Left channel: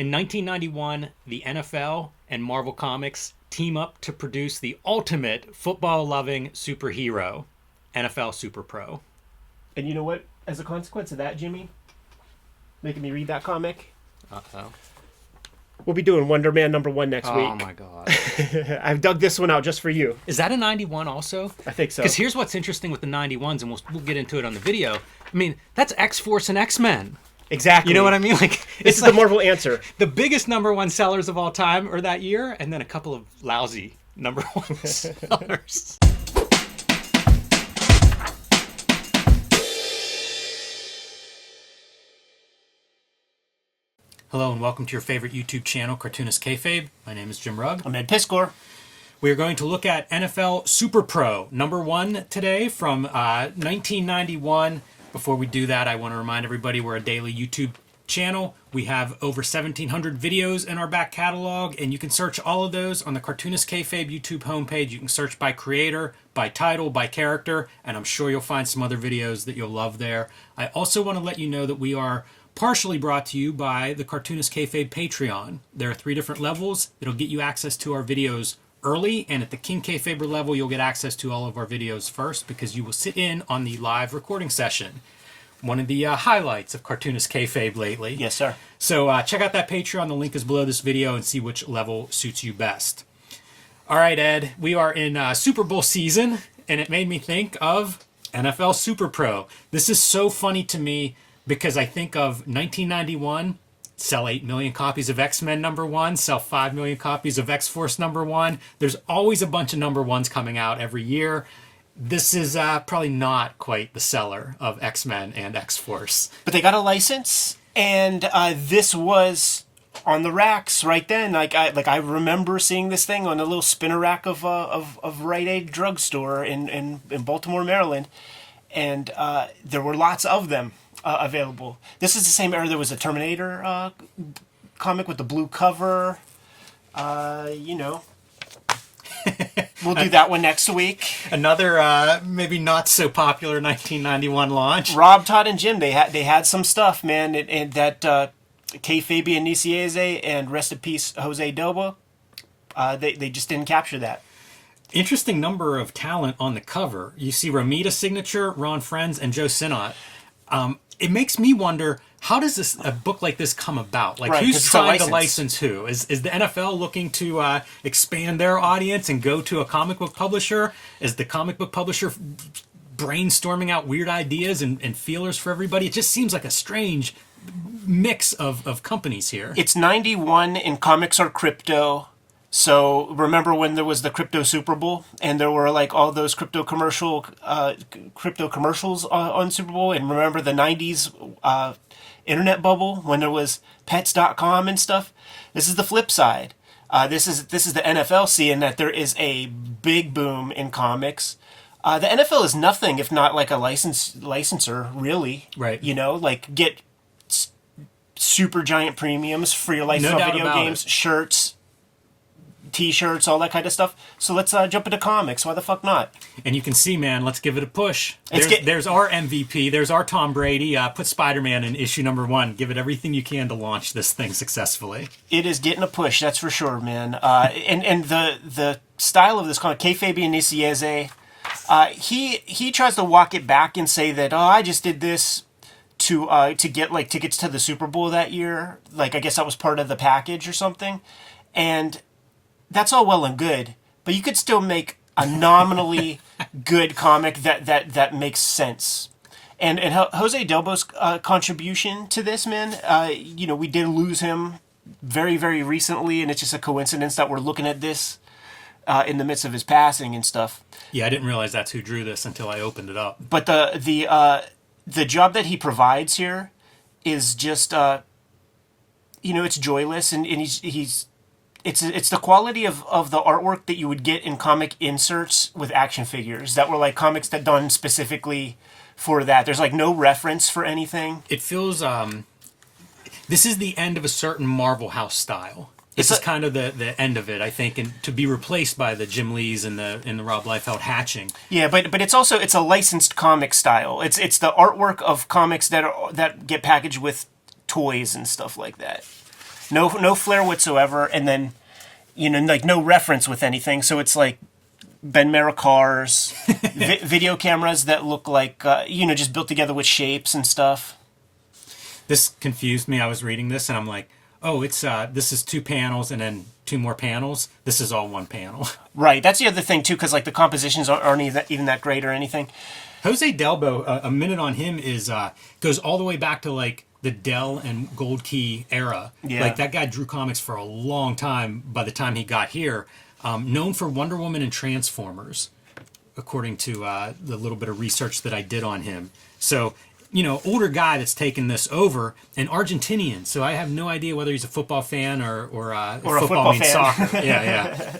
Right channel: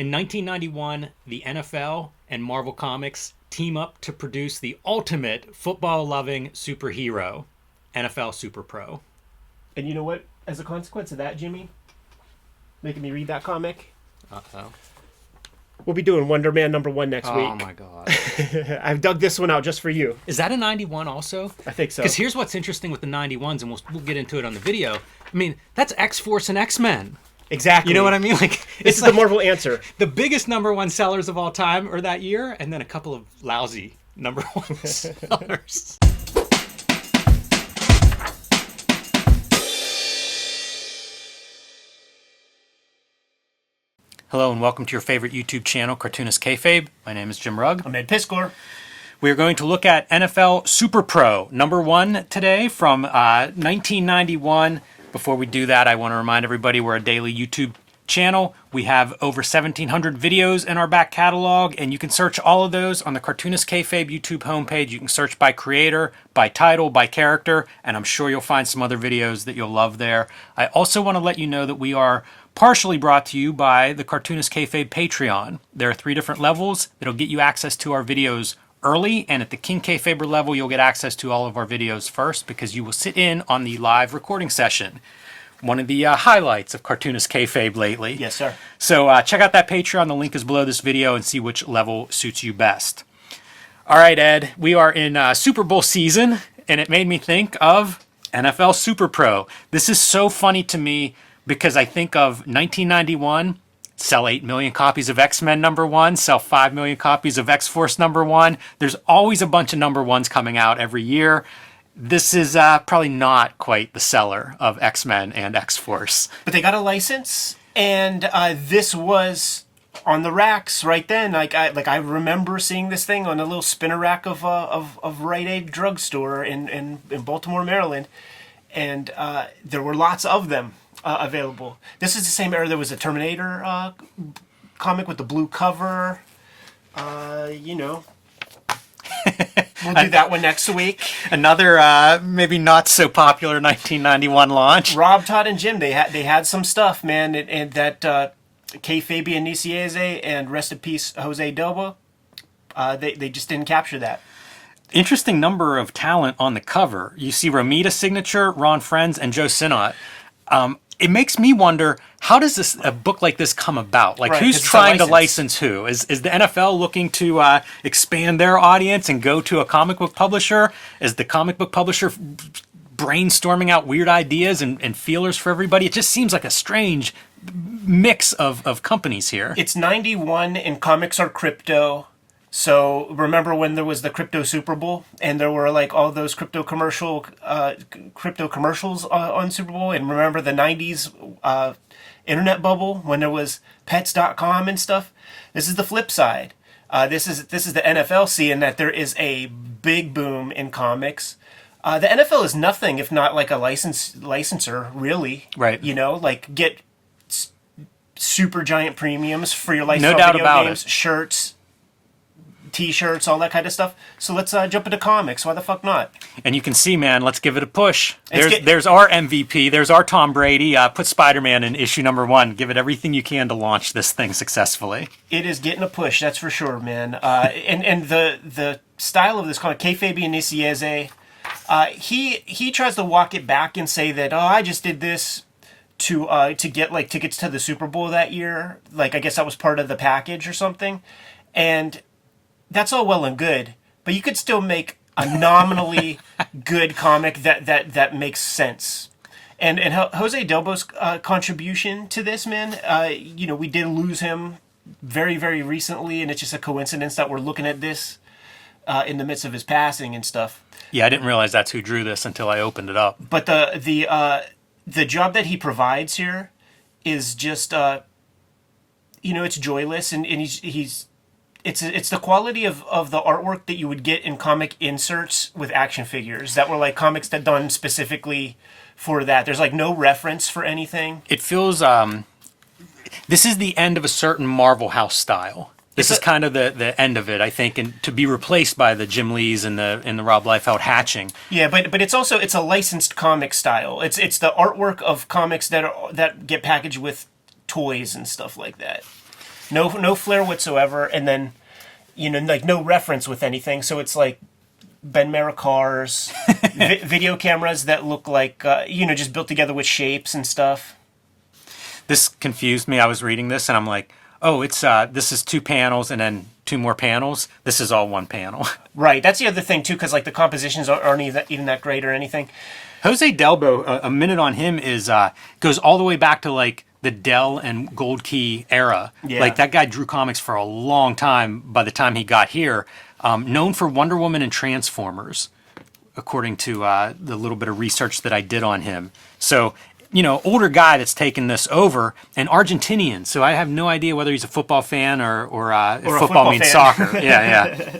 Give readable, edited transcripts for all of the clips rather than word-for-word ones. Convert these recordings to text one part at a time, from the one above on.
In 1991, the NFL and Marvel Comics team up to produce the ultimate football-loving superhero, NFL SuperPRO. And you know what? As a consequence of that, Jimmy, making me read that comic, Uh-oh. we'll be doing Wonder Man #1 next week. Oh my god. I've dug this one out just for you. Is that a 91 also? I think so. Because here's what's interesting with the 91s, and we'll get into it on the video. I mean, that's X-Force and X-Men. Exactly. You know what I mean? Like, this is the Marvel answer. The biggest #1 sellers of all time are that year, and then a couple of lousy #1 sellers. Hello and welcome to your favorite YouTube channel, Cartoonist Kayfabe. My name is Jim Rugg. I'm Ed Piskor. We are going to look at NFL SuperPRO #1 today from 1991. Before we do that, I want to remind everybody we're a daily YouTube channel. We have over 1,700 videos in our back catalog, and you can search all of those on the Cartoonist Kayfabe YouTube homepage. You can search by creator, by title, by character, and I'm sure you'll find some other videos that you'll love there. I also want to let you know that we are partially brought to you by the Cartoonist Kayfabe Patreon. There are 3 different levels that'll get you access to our videos early, and at the King Kayfaber level, you'll get access to all of our videos first because you will sit in on the live recording session. One of the highlights of Cartoonist Kayfabe lately. Yes, sir. So check out that Patreon. The link is below this video and see which level suits you best. All right, Ed, we are in Super Bowl season, and it made me think of NFL SuperPRO. This is so funny to me because I think of 1991, sell 8 million copies of X-Men #1, sell 5 million copies of X-Force #1. There's always a bunch of #1s coming out every year. This is probably not quite the seller of X-Men and X-Force. But they got a license, and this was on the racks right then. I remember seeing this thing on a little spinner rack of Rite Aid drugstore in Baltimore, Maryland, and there were lots of them available. This is the same era there was a Terminator comic with the blue cover. We'll do that one next week. Another maybe not so popular 1991 launch. Rob, Todd, and Jim, they had some stuff, man, and that Kayfabe and Nicieze and rest in peace Jose Dobo, they just didn't capture that. Interesting number of talent on the cover. You see Romita's signature, Ron Frenz, and Joe Sinnott. It makes me wonder, how does a book like this come about? Like, right, who's trying to license who? Is the NFL looking to expand their audience and go to a comic book publisher? Is the comic book publisher brainstorming out weird ideas and feelers for everybody? It just seems like a strange mix of companies here. It's 91 and comics are crypto. So remember when there was the crypto Super Bowl and there were like all those crypto commercials on Super Bowl, and remember the 90s internet bubble when there was pets.com and stuff? This is the flip side. This is the NFL seeing that there is a big boom in comics. The NFL is nothing if not like a licensor, really. Right. You know, like get super giant premiums for your life of video games, shirts, T-shirts, all that kind of stuff. So let's jump into comics. Why the fuck not? And you can see, man, let's give it a push. There's our MVP. There's our Tom Brady. Put Spider-Man in issue #1. Give it everything you can to launch this thing successfully. It is getting a push, that's for sure, man. And the style of this comic, Kayfabe and Nicieze, he tries to walk it back and say that, I just did this to get like tickets to the Super Bowl that year. Like, I guess that was part of the package or something. And that's all well and good, but you could still make a nominally good comic that makes sense. And Jose Dobo's contribution to this, man, we did lose him very, very recently, and it's just a coincidence that we're looking at this in the midst of his passing and stuff. Yeah, I didn't realize that's who drew this until I opened it up. But the job that he provides here is just, it's joyless, and It's the quality of the artwork that you would get in comic inserts with action figures that were like comics that done specifically for that. There's like no reference for anything. It feels this is the end of a certain Marvel House style. This is kind of the end of it, I think, and to be replaced by the Jim Lees and the Rob Liefeld hatching. Yeah, but it's a licensed comic style. It's the artwork of comics that get packaged with toys and stuff like that. no flair whatsoever, and then like no reference with anything. So it's like Ben Mara cars, video cameras that look like just built together with shapes and stuff. This confused me. I was reading this and I'm like, oh, it's this is 2 panels and then 2 more panels. This is all 1 panel. Right. That's the other thing too, because like the compositions aren't even that great or anything. Jose Delbo, a minute on him is goes all the way back to like the Dell and Gold Key era. Yeah. Like that guy drew comics for a long time by the time he got here. Known for Wonder Woman and Transformers, according to the little bit of research that I did on him. So, older guy that's taken this over, and Argentinian. So I have no idea whether he's a football fan or if football means fan. soccer. Yeah.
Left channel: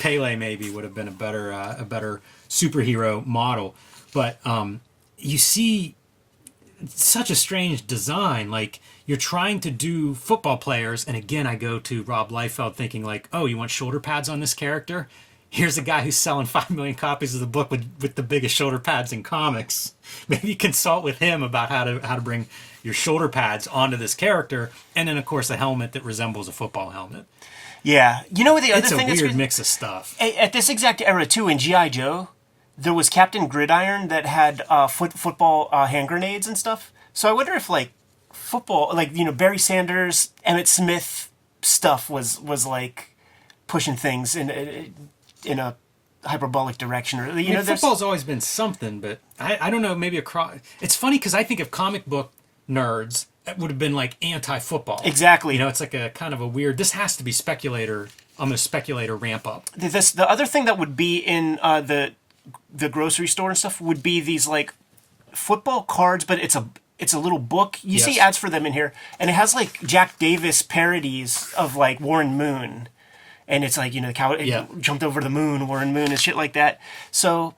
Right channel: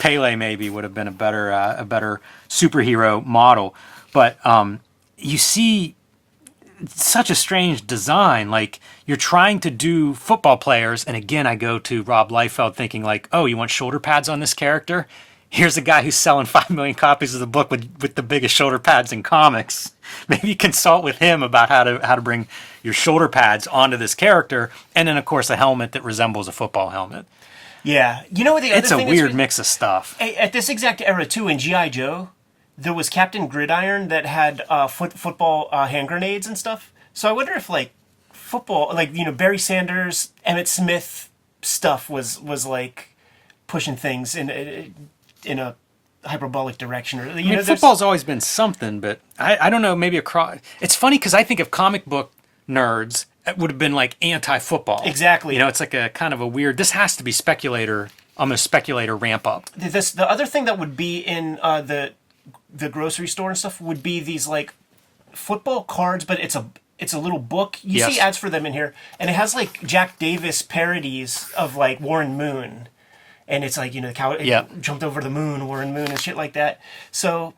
Pele maybe would have been a better superhero model. But you see such a strange design. Like, you're trying to do football players, and again, I go to Rob Liefeld thinking like, oh, you want shoulder pads on this character? Here's a guy who's selling 5 million copies of the book with the biggest shoulder pads in comics. Maybe consult with him about how to bring your shoulder pads onto this character, and then of course a helmet that resembles a football helmet. Yeah, the other It's thing a weird mix of stuff. At this exact era too, in G.I. Joe, there was Captain Gridiron that had football hand grenades and stuff. So I wonder if like football, like Barry Sanders, Emmitt Smith stuff was like pushing things in a hyperbolic direction, or football's always been something, but I don't know. Maybe it's funny because I think of comic book nerds, it would have been like anti-football. Exactly. It's like a kind of a weird. This has to be speculator ramp up. The other thing that would be in the grocery store and stuff would be these like football cards, but it's a little book. You see ads for them in here, and it has like Jack Davis parodies of like Warren Moon, and it's like the cow jumped over the moon, Warren Moon, and shit like that. So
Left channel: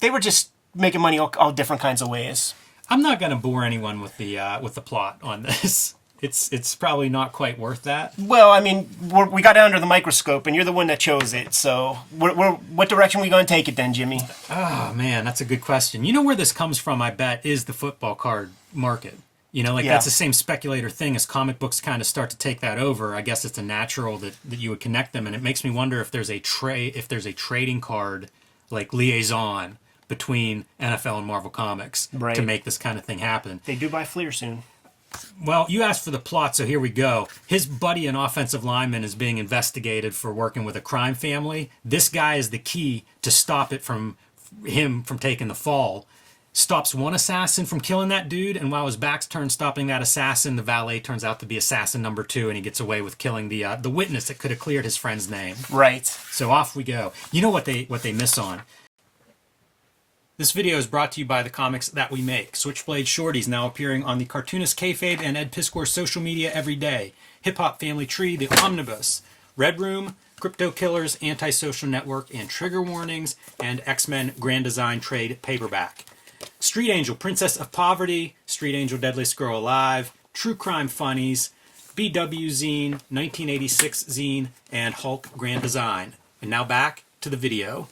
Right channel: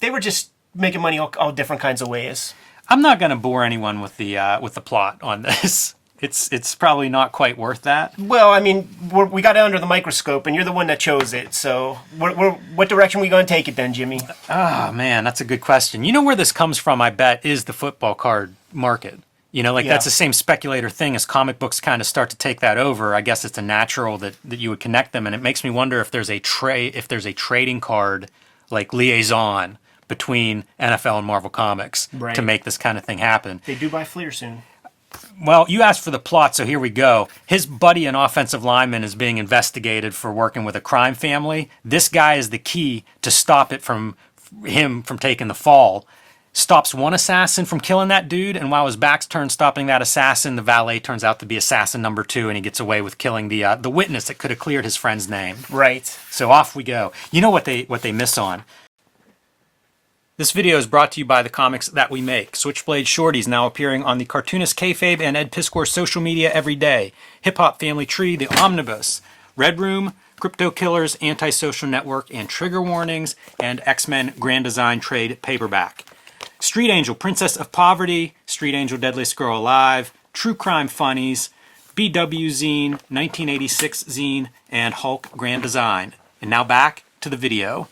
they were just making money all different kinds of ways. I'm not going to bore anyone with the plot on this. It's probably not quite worth that. Well, I mean, we got it under the microscope, and you're the one that chose it. So, what direction are we going to take it then, Jimmy? Oh, man, that's a good question. You know where this comes from, I bet, is the football card market. That's the same speculator thing as comic books kind of start to take that over. I guess it's a natural that you would connect them, and it makes me wonder if there's a trading card, like liaison, between NFL and Marvel Comics to make this kind of thing happen. They do buy Fleer soon. Well, you asked for the plot, so here we go. His buddy, an offensive lineman, is being investigated for working with a crime family. This guy is the key to stop it from taking the fall. Stops one assassin from killing that dude, and while his back's turned stopping that assassin, the valet turns out to be assassin number 2, and he gets away with killing the witness that could have cleared his friend's name. Right. So off we go. You know what they miss on? This video is brought to you by the comics that we make. Switchblade Shorties now appearing on the Cartoonist, Kayfabe, and Ed Piscor's social media every day. Hip Hop Family Tree, The Omnibus, Red Room, Crypto Killers, Antisocial Network, and Trigger Warnings, and X-Men Grand Design Trade Paperback. Street Angel, Princess of Poverty, Street Angel, Deadliest Girl Alive, True Crime Funnies, BW Zine, 1986 Zine, and Hulk Grand Design. And now back to the video.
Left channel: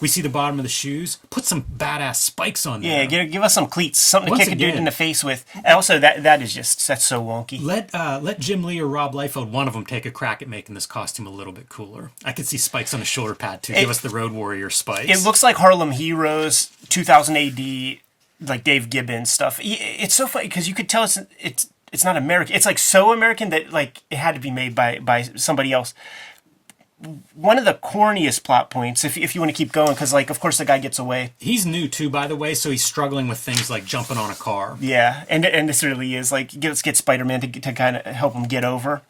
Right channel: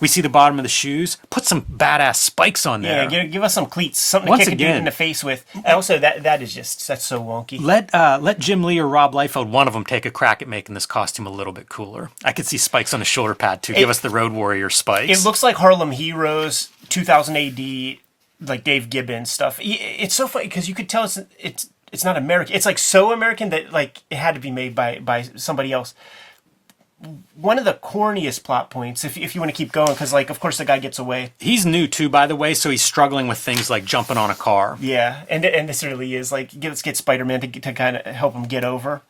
We see the bottom of the shoes. Put some badass spikes on there. Yeah, give us some cleats, something to kick a dude in the face with. And also, that's so wonky. Let Jim Lee or Rob Liefeld, one of them, take a crack at making this costume a little bit cooler. I could see spikes on the shoulder pad too. Give us the Road Warrior spikes. It looks like Harlem Heroes, 2000 AD, like Dave Gibbons stuff. It's so funny because you could tell it's not American. It's like so American that like it had to be made by somebody else. One of the corniest plot points, if you want to keep going, because like of course the guy gets away. He's new too, by the way, so he's struggling with things like jumping on a car. Yeah, and this really is like let's get Spider-Man to kind of help him get over.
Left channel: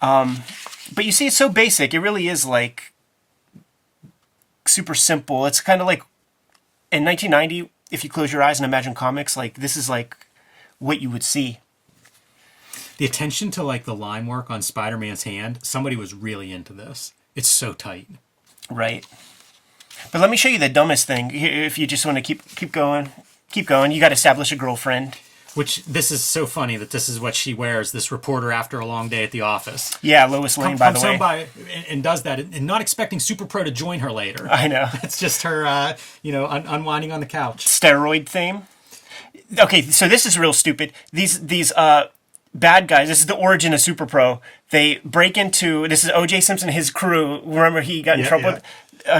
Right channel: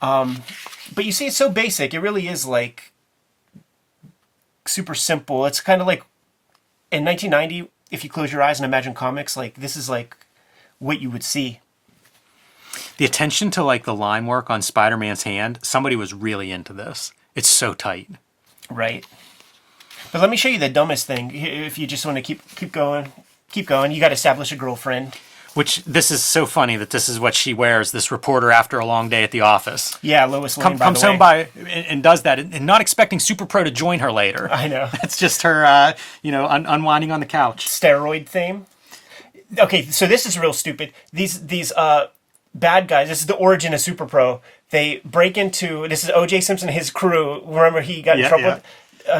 But you see, it's so basic. It really is like super simple. It's kind of like in 1990, if you close your eyes and imagine comics, like this is like what you would see. The attention to like the line work on Spider-Man's hand, somebody was really into this. It's so tight. Right. But let me show you the dumbest thing. If you just want to keep going. You got to establish a girlfriend. Which, this is so funny that this is what she wears, this reporter after a long day at the office. Yeah, Lois Lane, by the way. And does that, and not expecting SuperPRO to join her later. I know. It's just her, unwinding on the couch. Steroid theme. Okay, so this is real stupid. These bad guys. This is the origin of SuperPRO. They break into, this is O.J. Simpson and his crew. Remember he got in trouble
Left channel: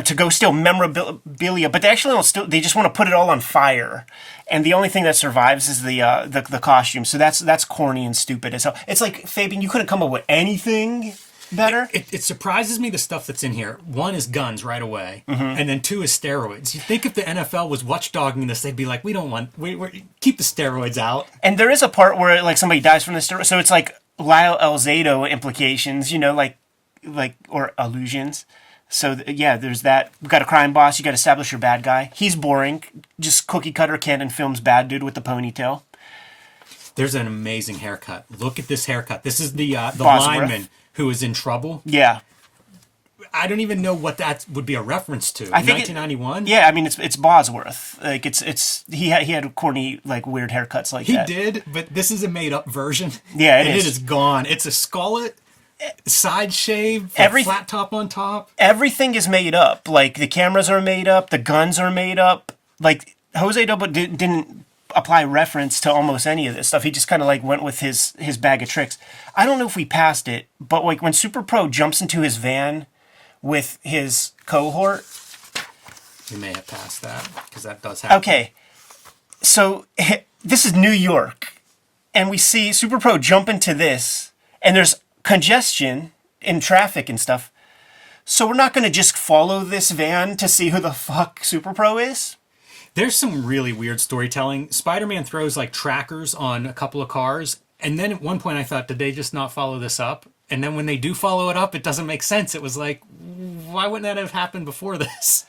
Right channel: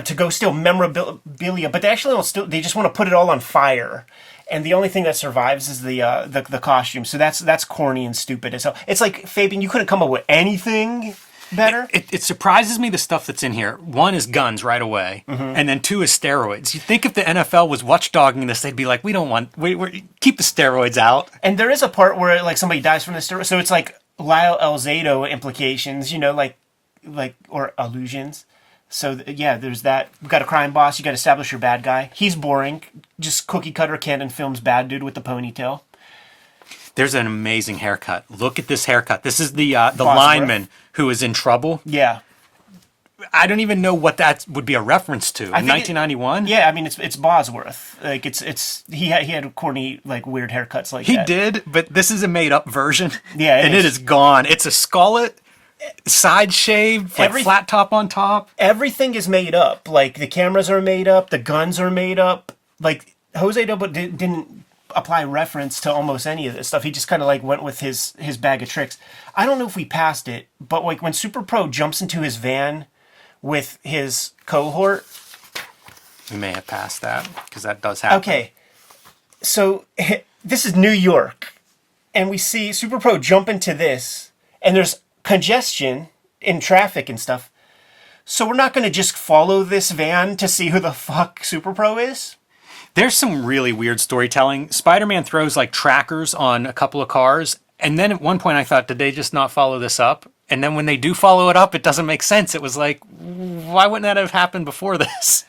to go steal memorabilia, but they actually don't steal. They just want to put it all on fire, and the only thing that survives is the costume. So that's corny and stupid as hell. It's like, Fabian, you couldn't come up with anything better. It surprises me the stuff that's in here. One is guns right away, and then two is steroids. You think if the NFL was watchdogging this, they'd be like, we don't want, we keep the steroids out. And there is a part where like somebody dies from the steroid, so it's like Lyle Elzado implications, like or allusions. So yeah, there's that. We've got a crime boss. You got to establish your bad guy. He's boring, just cookie cutter Cannon Films bad dude with the ponytail. There's an amazing haircut. Look at this haircut. This is the lineman who is in trouble. Yeah. I don't even know what that would be a reference to. I think 1991. Yeah, I mean it's Bosworth. Like it's he had corny like weird haircuts like that. He did, but this is a made up version. Yeah, it is gone. It's a skullet, side shave, flat top on top. Everything is made up. Like the cameras are made up, the guns are made up. Like Jose Dobo didn't apply reference to almost any of this stuff. He just kind of like went with his bag of tricks. I don't know if we passed it, but like when SuperPRO jumps into his van with his cohort. We may have passed that, because that does happen. Okay, so this is New York, and we see SuperPRO jump into this, and there's congestion in traffic and stuff. So we're not going to just follow this van to see who the fuck SuperPRO is? There's some really weird storytelling. Spider-Man throws like trackers on a couple of cars, and then at one point I thought, did they just not follow this up? And then when they do follow it up, it doesn't make sense. It was like, why wouldn't that have happened before this?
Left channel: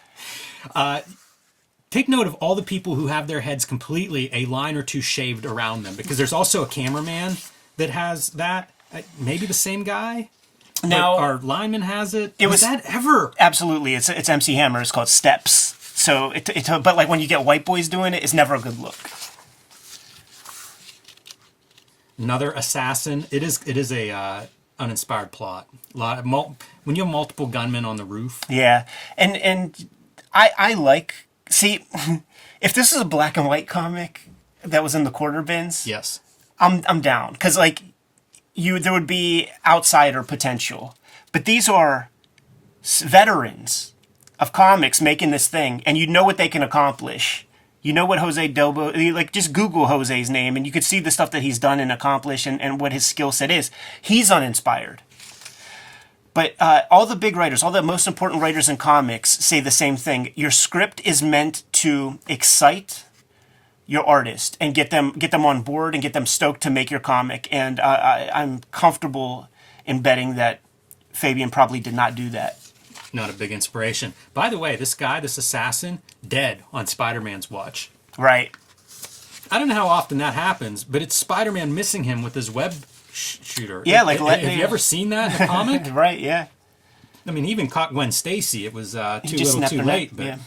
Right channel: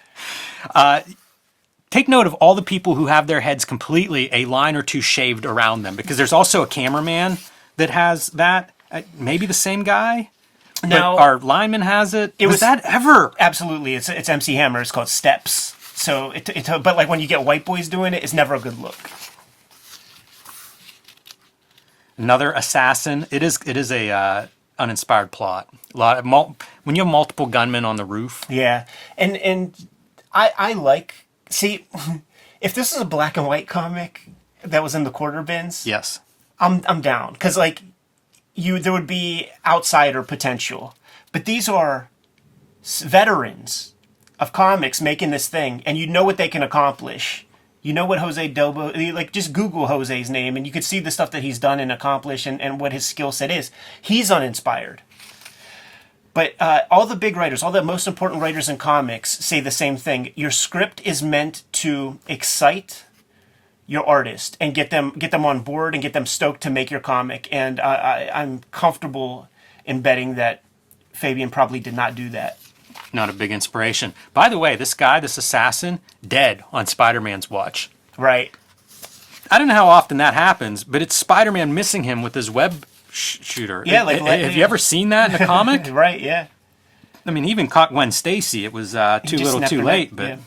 Take note of all the people who have their heads completely a line or two shaved around them, because there's also a cameraman that has that. Maybe the same guy? Now, our lineman has it. Was that ever? Absolutely. It's MC Hammer. It's called Steps. So, but like when you get white boys doing it, it's never a good look. Another assassin. It is a uninspired plot. When you have multiple gunmen on the roof. Yeah, and I like, see, if this is a black and white comic that was in the quarter bins, yes, I'm down, because like there would be outsider potential, but these are veterans of comics making this thing, and you know what they can accomplish. You know what Jose Dobo, like just Google Jose's name and you could see the stuff that he's done and accomplished and what his skill set is. He's uninspired. But all the big writers, all the most important writers in comics say the same thing. Your script is meant to excite your artist and get them on board and get them stoked to make your comic. And I'm comfortable in betting that Fabian probably did not do that. Not a big inspiration. By the way, this guy, this assassin, dead on Spider-Man's watch. Right. I don't know how often that happens, but it's Spider-Man missing him with his web shooter. Yeah, have you ever seen that in the comic? Right, yeah. I mean, he even caught Gwen Stacy. It was too little too late, but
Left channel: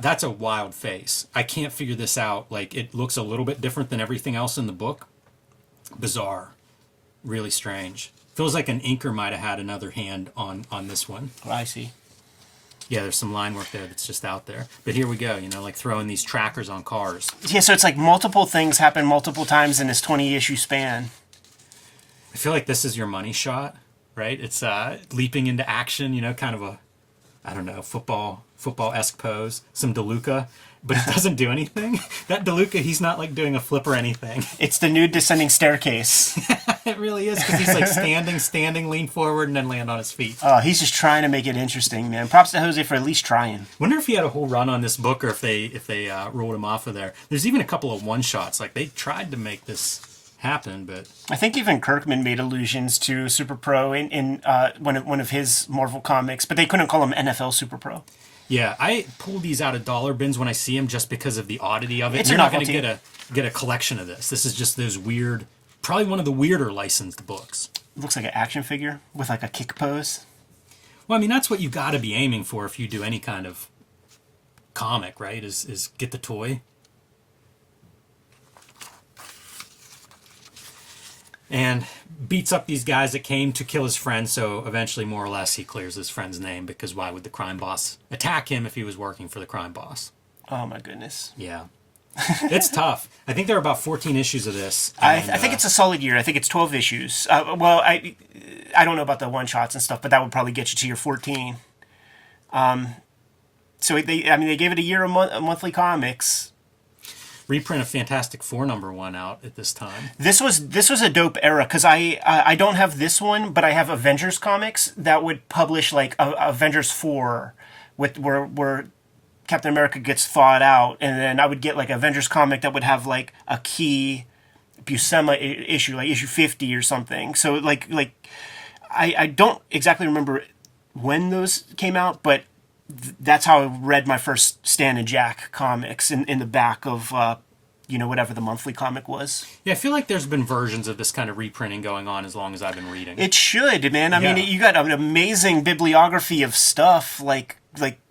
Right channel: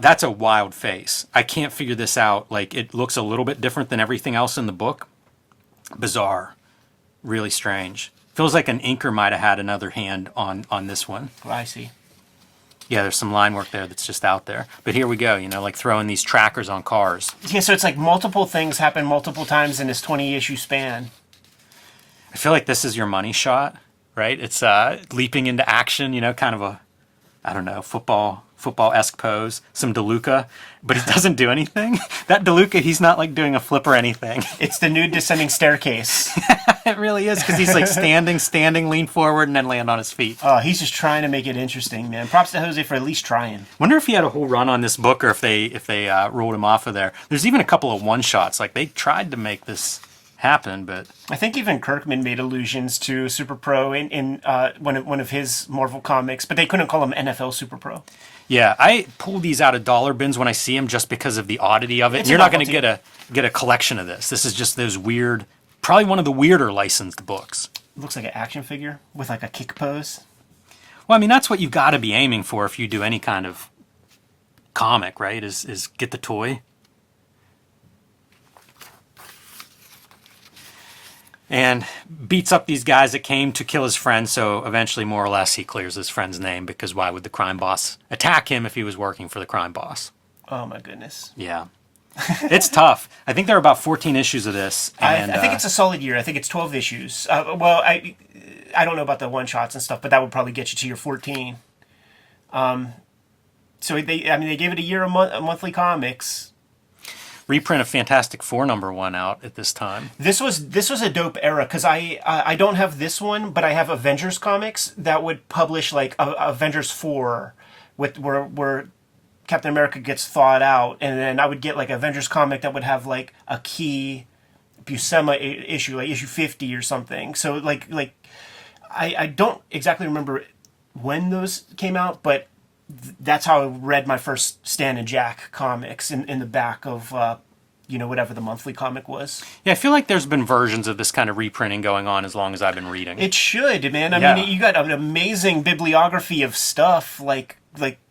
that's a wild face. I can't figure this out. Like, it looks a little bit different than everything else in the book. Bizarre. Really strange. Feels like an inker might have had another hand on this one. Oh, I see. Yeah, there's some line work there that's just out there. But here we go, like throwing these trackers on cars. Yeah, so it's like multiple things happen multiple times in this 20-issue span. I feel like this is your money shot, right? It's leaping into action, kind of a, I don't know, football-esque pose. Some DeLuca, but it doesn't do anything. That DeLuca, he's not like doing a flip or anything. It's the nude descending staircase. It really is, because he's like standing, lean forward, and then land on his feet. Oh, he's just trying to make it interesting, man. Props to Jose for at least trying. Wonder if he had a whole run on this book, or if they rolled him off of there. There's even a couple of one-shots. Like, they tried to make this happen, but I think even Kirkman made allusions to SuperPRO in one of his Marvel comics, but they couldn't call him NFL SuperPRO. Yeah, I pull these out of dollar bins when I see them just because of the oddity of it. It's You're not going to get a collection of this. This is just those weird, probably one of the weirder licensed books. It looks like an action figure with like a kick pose. Well, I mean, that's what you've got to be aiming for if you do any kind of comic, right? Is get the toy. And beats up these guys that came to kill his friend, so eventually, more or less, he clears his friend's name, because why would the crime boss attack him if he was working for the crime boss? Oh, my goodness. Yeah. It's tough. I think there are about 14 issues of this. I And, think it's a solid year. I think it's 12 issues. Well, I don't know about the one-shots and stuff, but that would probably get you to your 14. So they gave it a year of monthly comics. reprint of Fantastic Four #1 out at this time. This was a dope era because I don't have this one, but I have Avengers comics that would publish like Avengers 4 with where Captain America gets thawed out, and then I would get like Avengers comic that would have like a key Buscema issue, like issue 50 or something. So like I don't exactly remember when those came out, but that's how I read my first Stan and Jack comics in the back of whatever the monthly comic was. Yeah, I feel like there's been versions of this kind of reprinting going on as long as I've been reading. It should, man. I mean, you got an amazing bibliography of stuff like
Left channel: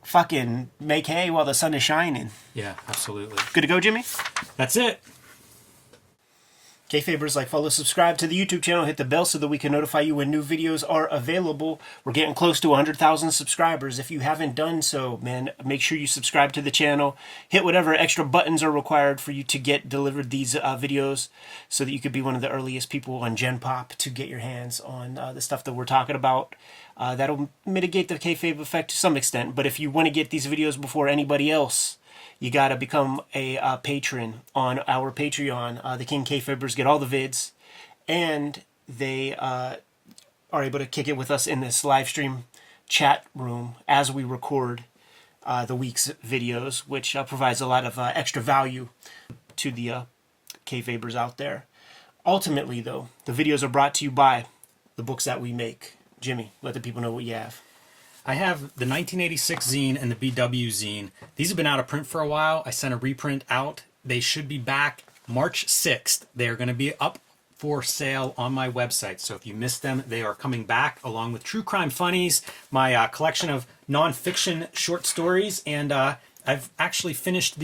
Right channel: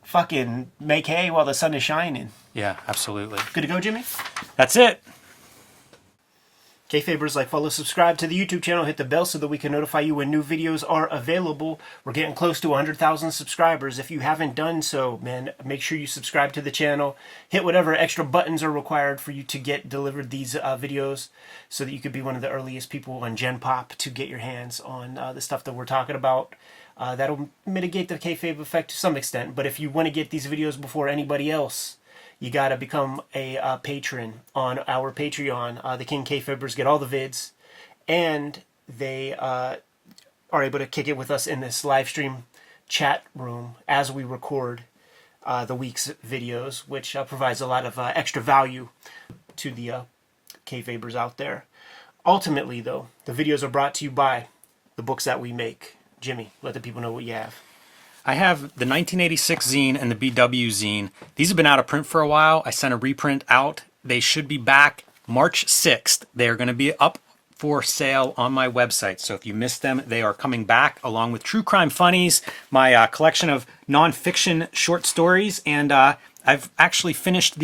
fucking make hay while the sun is shining. Yeah, absolutely. Good to go, Jimmy? That's it. Kayfabers, like, follow, subscribe to the YouTube channel, hit the bell so that we can notify you when new videos are available. We're getting close to 100,000 subscribers. If you haven't done so, man, make sure you subscribe to the channel. Hit whatever extra buttons are required for you to get delivered these videos so that you could be one of the earliest people on Gen Pop to get your hands on the stuff that we're talking about. That'll mitigate the kayfabe effect to some extent, but if you want to get these videos before anybody else, you got to become a patron on our Patreon. The King Kayfabers get all the vids, and they are able to kick it with us in this live stream chat room as we record the week's videos, which provides a lot of extra value to the Kayfabers out there. Ultimately, though, the videos are brought to you by the books that we make. Jimmy, let the people know what you have. I have the 1986 zine and the BW zine. These have been out of print for a while. I sent a reprint out. They should be back March 6th. They are going to be up for sale on my website. So if you missed them, they are coming back along with True Crime Funnies, my collection of nonfiction short stories. And I've actually finished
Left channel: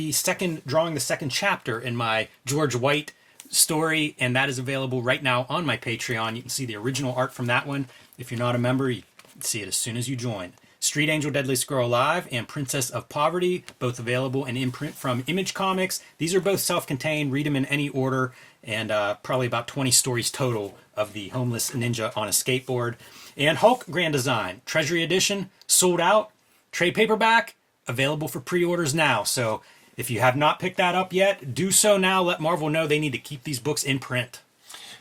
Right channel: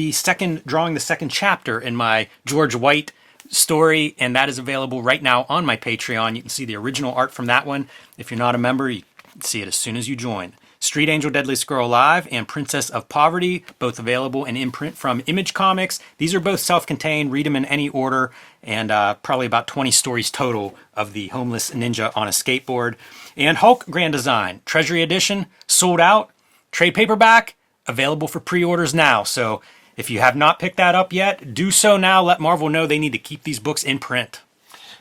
drawing the second chapter in my George White story. And that is available right now on my Patreon. You can see the original art from that one. If you're not a member, you see it as soon as you join. Street Angel, Deadly Squirrel Live, and Princess of Poverty, both available in imprint from Image Comics. These are both self-contained. Read them in any order, and probably about 20 stories total of the homeless ninja on a skateboard. And Hulk Grand Design, Treasury Edition, sold out. Trade paperback, available for pre-orders now. So if you have not picked that up yet, do so now. Let Marvel know they need to keep these books in print.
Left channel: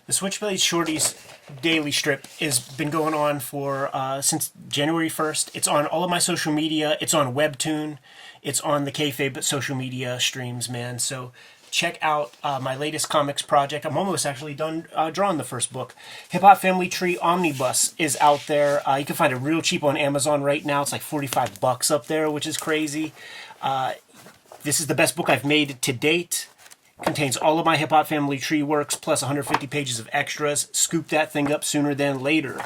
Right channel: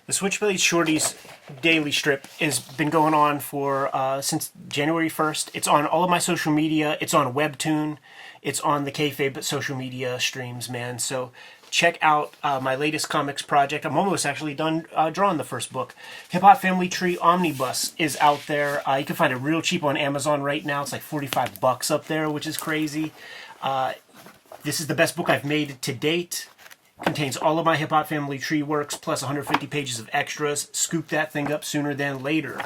The Switchblade Shorties daily strip has been going on for since January 1st. It's on all of my social media. It's on Webtoon. It's on the Kayfabe social media streams, man. So check out my latest comics project. I'm almost actually done drawing the first book. Hip Hop Family Tree Omnibus is out there. You can find it real cheap on Amazon right now. It's like $45 up there, which is crazy. This is the best book I've made to date. Contains all of my Hip Hop Family Tree works, plus 150 pages of extras. Scoop that thing up sooner than later.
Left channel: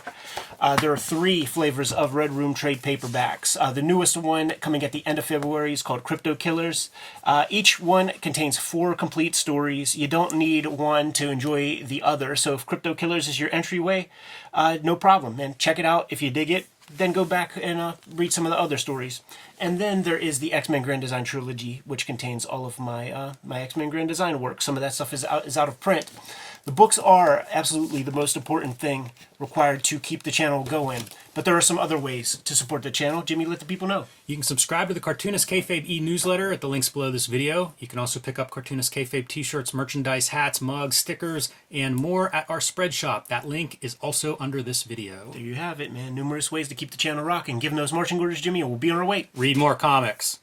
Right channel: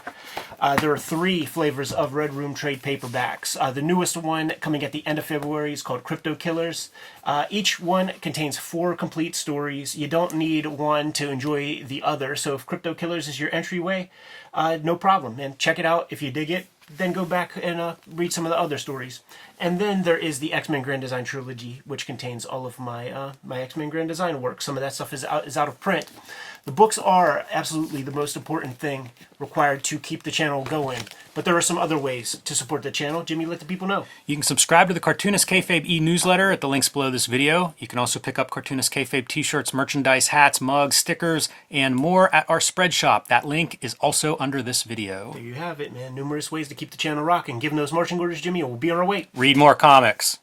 There are 3 flavors of Red Room trade paperbacks. The newest one, coming at the end of February, is called Crypto Killers. Each one contains 4 complete stories. You don't need one to enjoy the other. So if Crypto Killers is your entryway, no problem. And check it out. If you dig it, then go back and read some of the other stories. And then there is the X-Men Grand Design Trilogy, which contains all of my my X-Men Grand Design work. Some of that stuff is out of print. The books are absolutely the most important thing required to keep the channel going. But there are some other ways to support the channel. Jimmy, let the people know. You can subscribe to the Cartoonist Kayfabe e-newsletter at the links below this video. You can also pick up Cartoonist Kayfabe t-shirts, merchandise, hats, mugs, stickers, and more at our spread shop. That link is also under this video. There you have it, man. Numerous ways to keep the channel rocking. Give them those marching orders, Jimmy, and we'll be on our way. Read more comics.